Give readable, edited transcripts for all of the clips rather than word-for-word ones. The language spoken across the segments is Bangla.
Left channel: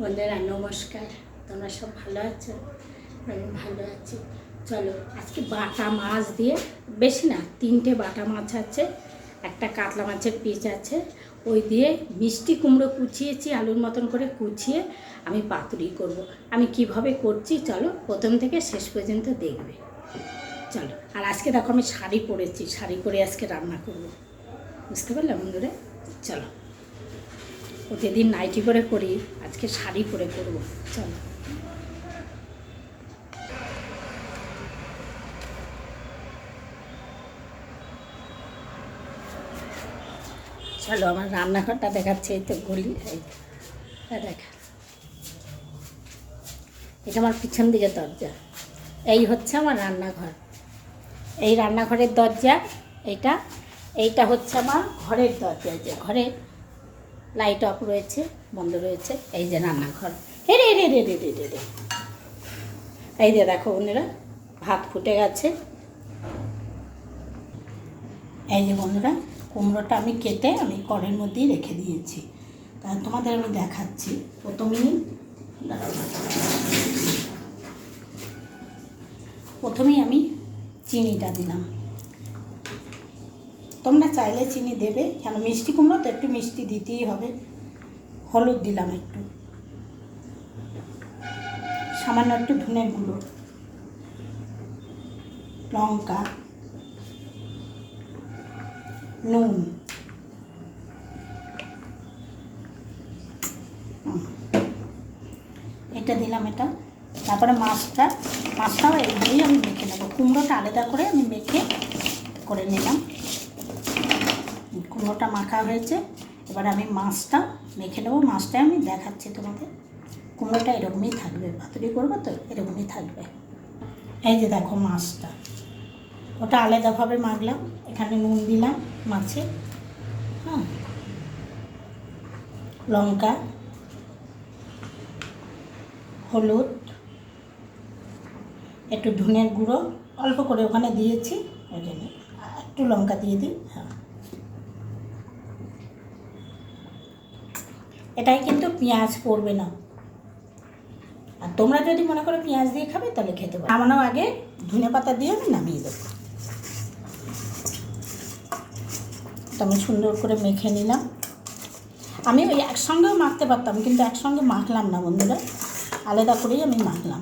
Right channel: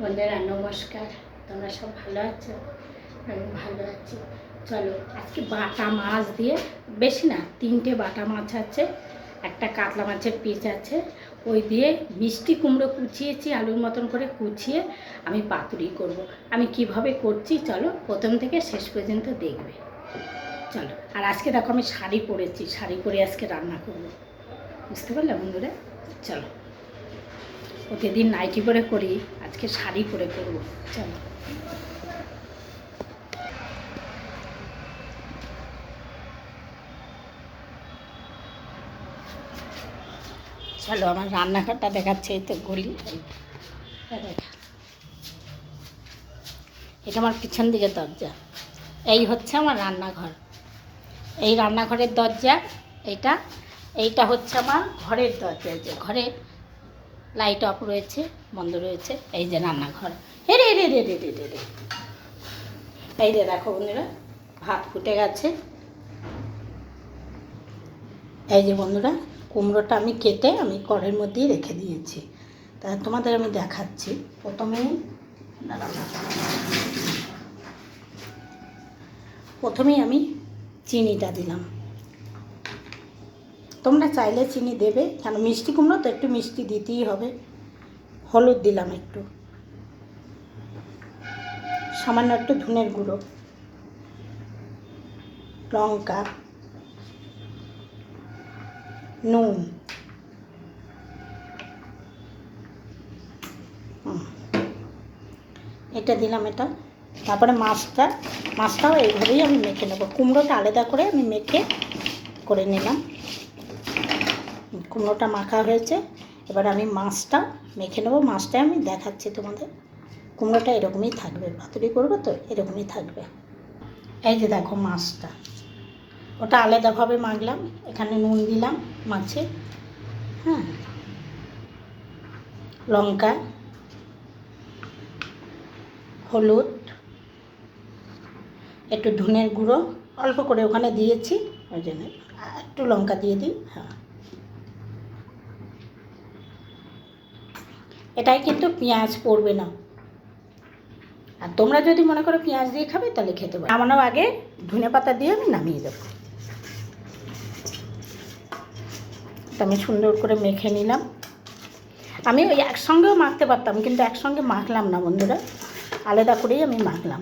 বন্ধুরা নমস্কার, তোমরা সব ভালো আছো? আমি ভালো আছি। চলো আজকে বাটা মাছ দিয়ে, বেশি না, 3টে বাটা মাছ আছে, একটা কাতলা মাছের পিস আছে, ওই দিয়ে মিষ্টি কুমড়ো কুচিয়েছি, আলুর মতন করে কুচিয়ে আমি পাতুরি করব। আমি কিভাবে করছি চলো প্রথম থেকে শেষ পর্যন্ত দেখবে। চলো। আর আজকে দেখো আমি শাড়ি পরেছি, শাড়ি পরে আজকে রান্না করব, বুঝতে পারলে বন্ধুরা? চলো, প্রতিদিন নাইটি পরে করি, আজকে শাড়ি পরে করব। চলো। চলো, আমার রান্নাঘরটা দেখাচ্ছে, এই তো গলি, দেখা, এটা আমার পিছন দিকে দরজা, এই হচ্ছে আমার রান্নাঘর, এই রান্নাঘরের দরজা, এইটা এইটা হচ্ছে আমার ঘরের দরজা, যে ঘরে লাইট অফ রয়েছে, বন্ধ রয়েছে, এই যে রান্নাঘর। রে রে রে রে রে রে রে, এই যে দেখো বন্ধুরা, ভাত ফুটে গেছে। এই যে বন্ধুরা, কুমড়োটা আমি কেটে আমি কড়ের মধ্যেই রেখে দিয়েছি, তা তোমাদের আমি দেখাচ্ছি। প্রথমেই আমি চিনিটা দিলাম, তোমরা চাইলে চিনি দেবে, কেন মিষ্টি কুমড়ো তো একটু মিষ্টি দিতেই হবে। হলুদ দিলাম একটু, সামান্য একটু ধনের গুঁড়ো, লঙ্কা, নুন, এটা দিলাম, এটা। তারপরে মাছটাও এইভাবেই আমি মেখে নেব, কুমড়োটা আলাদা করে আমি মেখে করে নিলাম। কুমড়োটা মাখা হয়েছে, এবার আমি মাছটা মেখে নেবো। মাছটাই আমি দেখাচ্ছি তোমাদের, কুমড়োটা এরকমই থাকবে, পাতুরি করবো তো এরকমই থাকবে। এই যে দেখো মাছটা, ওটা আলাদাভাবে মাখলাম, এখানে নুন দিলাম মাছে, হ্যাঁ, লঙ্কা, হলুদ, একটু ধনের গুঁড়ো অল্প করে ওখানে দিয়েছি, ওই জন্য একটু লঙ্কা দিয়ে দিই, হ্যাঁ। এটাই কিন্তু পেঁয়াজ পড়বে না, আর তোমরা যদি মনে করো পেঁয়াজ দিয়ে খাবে তাহলে খেতে পারো। নামানোর আগে ধনে পাতা দিয়ে আমি নামিয়ে দেবো। এটা আমি সুন্দর করে মেখে নিলাম। আমি ওই একসঙ্গেও মাখতে পারতাম, কিন্তু একসঙ্গে মাখলাম না বন্ধুরা, আলাদা করেই আমি মাখলাম।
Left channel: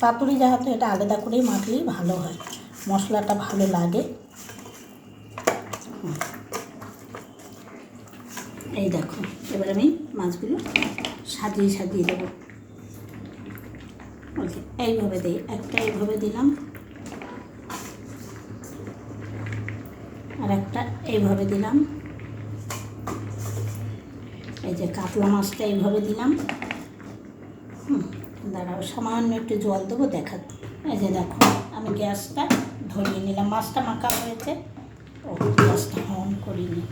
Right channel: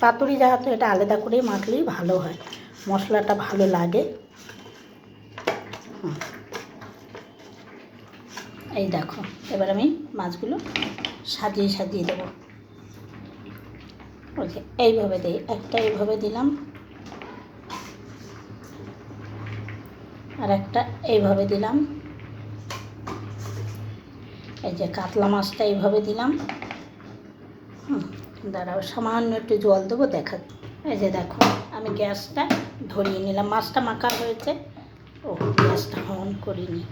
পাতুরি যেহেতু, এটা আলাদা করেই মাখলেই ভালো হয়, মশলাটা ভালো লাগে। এই দেখো, এবার আমি মাছগুলো সাজিয়ে সাজিয়ে দেবো, বলছি এইভাবে দিই, একটা এইভাবে দিলাম, আর একটা এইভাবে দিলাম। এই যে কাতলা মাছটা এইভাবে দিলাম। দাঁড়াও, সামান্য একটু জল দেবো, দেখা। এই যে দেখো, আমি গ্যাসটা ধরিয়ে নিলাম, মাছটা মাখা হয়েছে। ও, গ্যাসটা অন করিনি।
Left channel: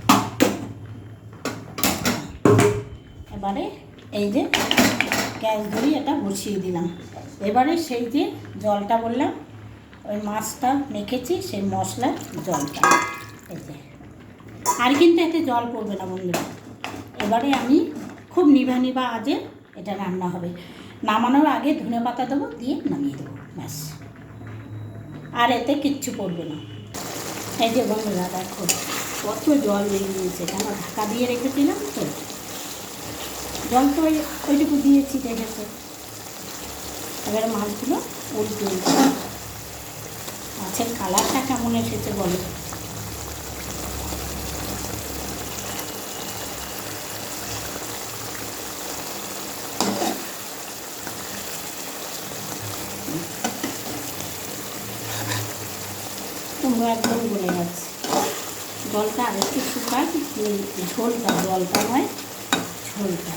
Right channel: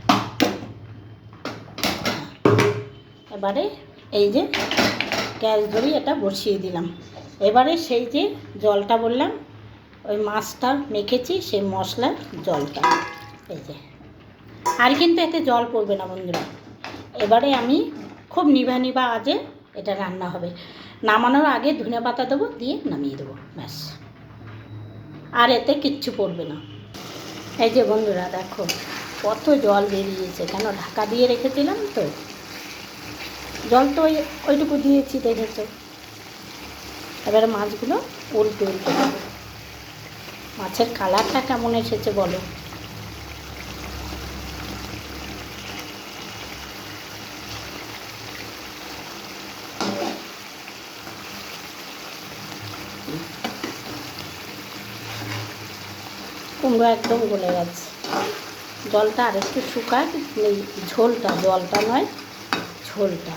এবারে এই যে গ্যাস ধরিয়ে এটা বসিয়ে দিলাম। এবারে সেই যে জলটা বললাম, ওই মাছটা মেখেছি, সেই মশলার জলটা, এই যে, আর কিন্তু এতে জল পড়বে না বন্ধুরা। এবারে আমি খুব নিভা নিভা আজে এটা রান্না হবে। নামানোর আগে ধনে পাতা দেবো, দিয়ে নামিয়ে দেবো, ব্যাস, আর এতে কিচ্ছু পড়বে না। এই যে বন্ধুরা দেখো, কত জল বেরিয়েছে, কেন ঢাকা দিয়ে রেখেছিলাম তো, জল তো ওইটুকু দিয়েছি, দেখেছো। এবারে মাছগুলো উল্টে দিই। মাছের কালারটা কেমন এসেছে বলো। কুমড়ো একদম গলে গেছে, জলটা আর একটু শুকায়, এই ঝোলটা, জলটা নয়, ঝোলটা।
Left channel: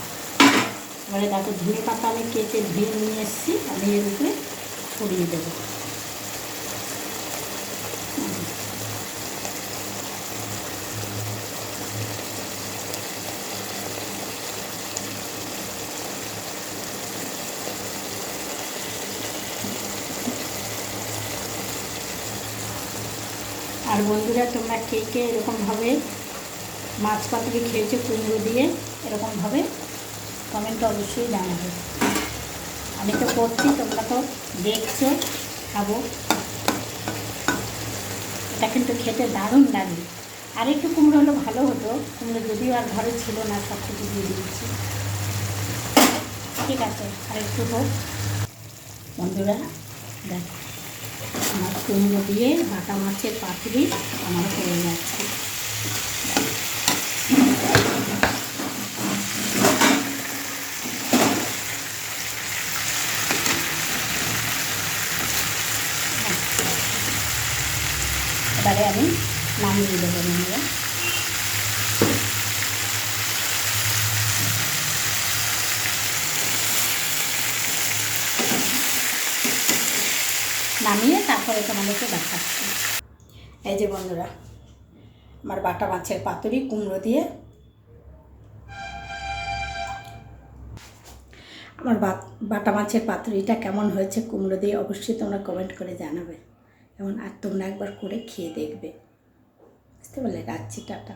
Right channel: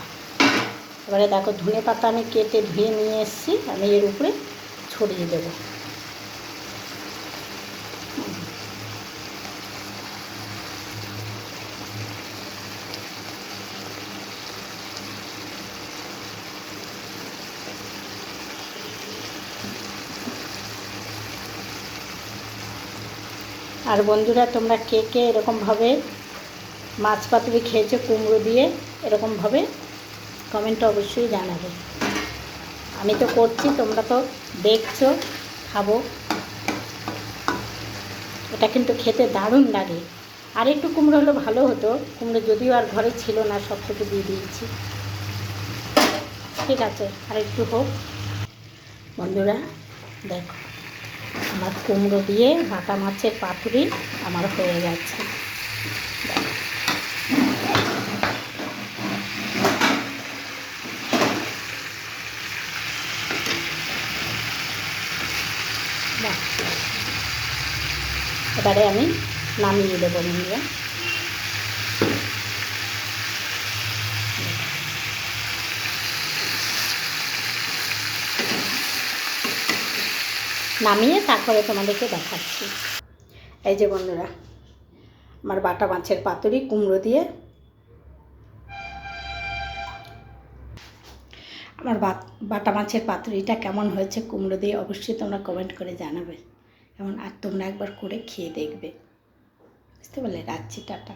এবারে দেখো, ধনে পাতা আমি কেটে ধুয়ে নিয়ে এসেছি, আমি এর উপরে ছড়িয়ে দেবো। আর বন্ধুরা, তোমরা কে কে এরকমভাবে মাছ পাতুরি খেয়েছো কুমড়ো দিয়ে এরকমভাবে কমেন্টে অবশ্যই জানাবে। আমি তো করছি, তোমরা তো দেখছো, খাবো। এটা কিন্তু খেতে দারুণ লাগে। আর একটু কুমড়ো হলে ভালো হতো, কুমড়ো যদিও আর ঘরে ছিল না, সব থেকে দিয়ে দিয়েছি। ঠিক আছে, আর একটু হোক। বন্ধুরা দেখো, আমার কুমড়ো দিয়ে বাটা মাছের পাতুরি আমার হয়ে যাচ্ছে। এবারে আমি নামিয়ে দেবো। বন্ধুরা নামিয়ে তারপরে তোমাদেরকে দেখাচ্ছি। এই যে বন্ধুরা, আমার বাটা মাছের পাতুরি কুমড়ো দিয়ে। আমার বাটা মাছের পাতুরিটা কেমন হয়েছে কুমড়ো দিয়ে অবশ্যই তোমরা কমেন্ট করে জানাবে। আর তোমরা একবার করে খেয়ে দেখবে। বুঝতে পারলে? রাখছি, টাটা।